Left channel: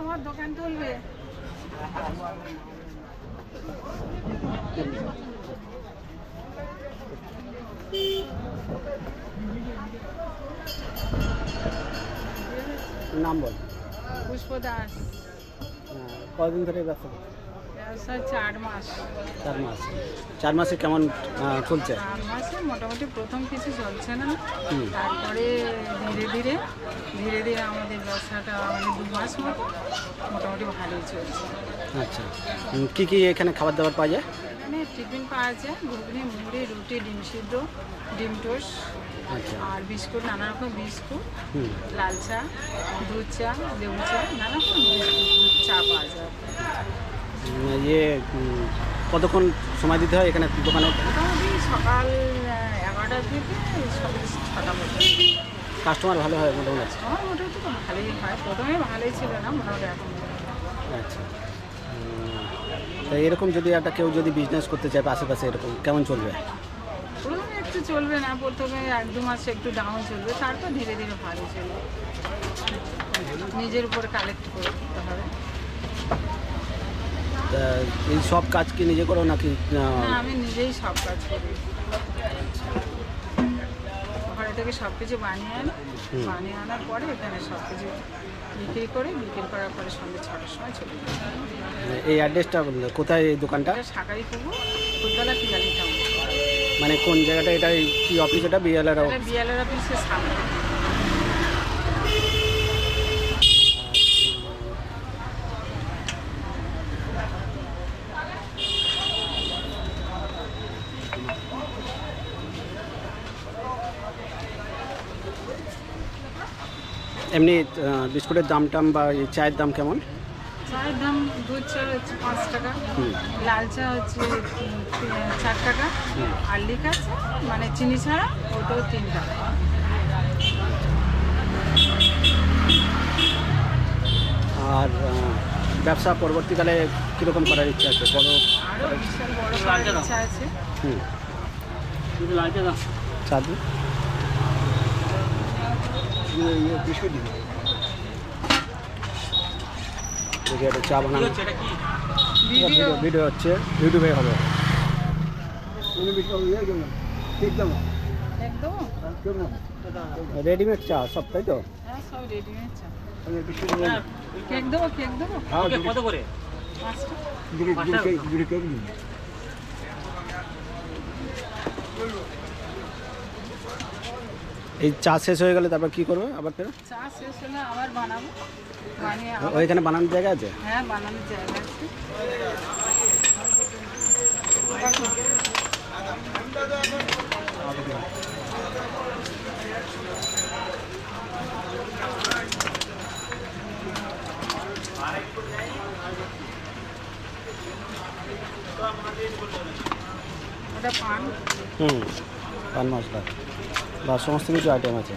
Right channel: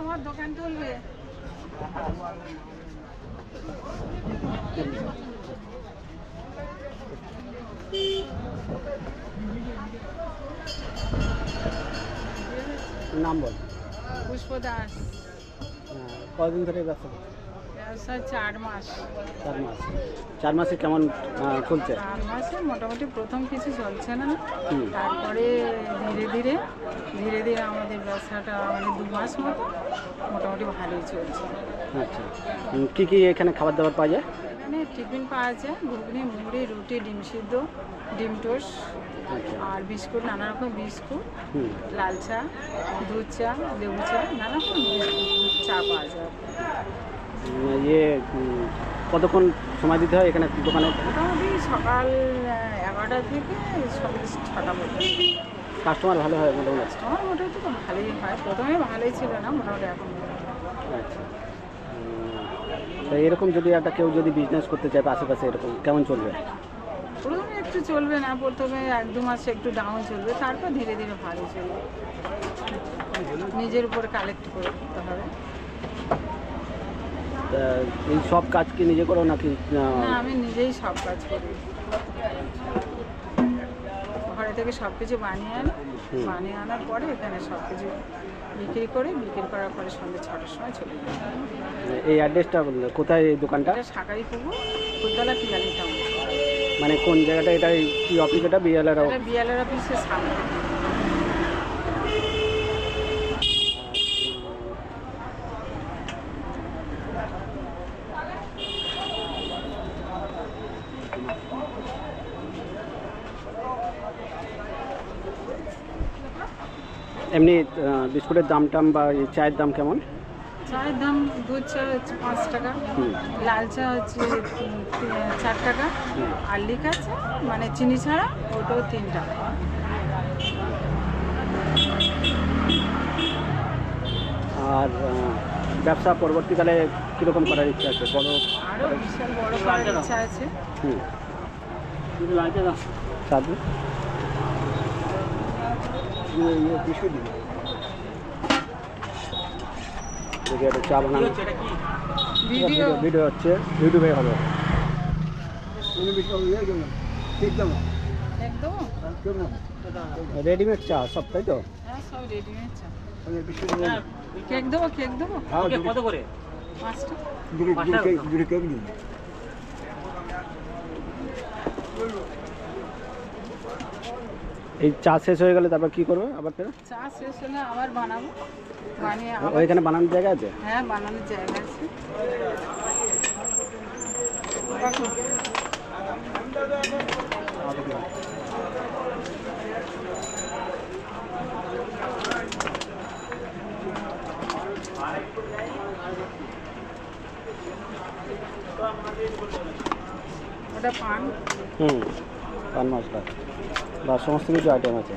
তোমার দোকান তুলবে। নাম বল। পুষ্প দাস। কতদিন ধরে ব্যবসা করছো? ব্যবসা 4 মাস। 4 মাস। 4 মাসে কেমন চলছে? 4 মাসে মোটামুটি প্রথম কিছু চলছে না, তারপরে ধীরে ধীরে আমাদের ব্যবসাটা মানে 2 মাস মতো মোটামুটি ভালোই চলছে। আচ্ছা, কী কী এখানে খাবার দাবার পাওয়া যায়? এখানে টিফিন পাওয়া যায়, ঘুগনি, মুড়ি, রুটি, ডিম সিদ্ধ, ডিম টোস্ট, আর বিস্কুট, নানা রকম বিস্কুট, লাল চা, দুধ চা, লেবু চা, নানা রকম চা পাওয়া যায়। ইয়ে কতক্ষণ সময় দিতে হয় এখানে দোকানে? মোটামুটি সকাল 11টা থেকে সকাল 6টা পর্যন্ত। কাস্টমার ভালো হয় মোটামুটি? আমার মোটামুটি তো ভালোই হয়, প্রথমে ভালোই ছিল না, মোটামুটি এখন। আচ্ছা, তা এরকম যদি একটা কেউ যদি বিজনেস করতে চায় আশেপাশে, এরকম কেমন চলবে? প্রথমে একটু চলবে না, প্রথমে 1-2 মাস একটু ডাউন চলবে, তারপর ধীরে ধীরে ভালো চলবে। নিজের উপর কালেক্ট করতে হবে। এই সব কাজ কি নিজে করো নাকি? না, আমি নিজেই সব কাজ করি। ঘরে থেকে সব কিছু বানিয়ে আনার পরে এখানে সব কিছু বিক্রি করার পরে সন্ধ্যে 6টার সময় চলে যাই। এই অ্যাড্রেসটা কোথায় এই দোকানটা? শাকারি পুকুর, ফুলতলা, পিয়ালি টাউন। মানে কোন জায়গাটা? এটা কি অফিস? এটা বিএলআর অফিসের সামনে। এমনি বিস্কুটের দাম টাম বা এই চায়ের দাম কেমন? চায়ের দাম দুধ চা হচ্ছে 5 টাকা, লাল চা হচ্ছে 4 টাকা, আর লিকার চা মানে চিনি ছাড়া ওটাও 3 টাকা। আর ব্যবসা পরবর্তীকালে কীরকম করার ইচ্ছা আছে? আরও বিশাল বড় করার ইচ্ছা আছে। সাধু চা বানানো ভিডিও হচ্ছে, ইউটিউবে হবে। একদম রেডিমেড চা সব, তাই তো? হ্যাঁ, সব রেডিমেড চা। কেক দেবো? কত করে? 5 টাকা। এই চা শেষ হয়ে গেলে তারপর কি করবে? আবার ফের চা শেষ হলে আবার বানাবো, বানিয়ে ওইখানে বানানোর জায়গা আছে? হ্যাঁ, বানানোর জায়গা আছে। ওটা পান, পান মশলা বা সমস্ত কিছু আইটেম আছে।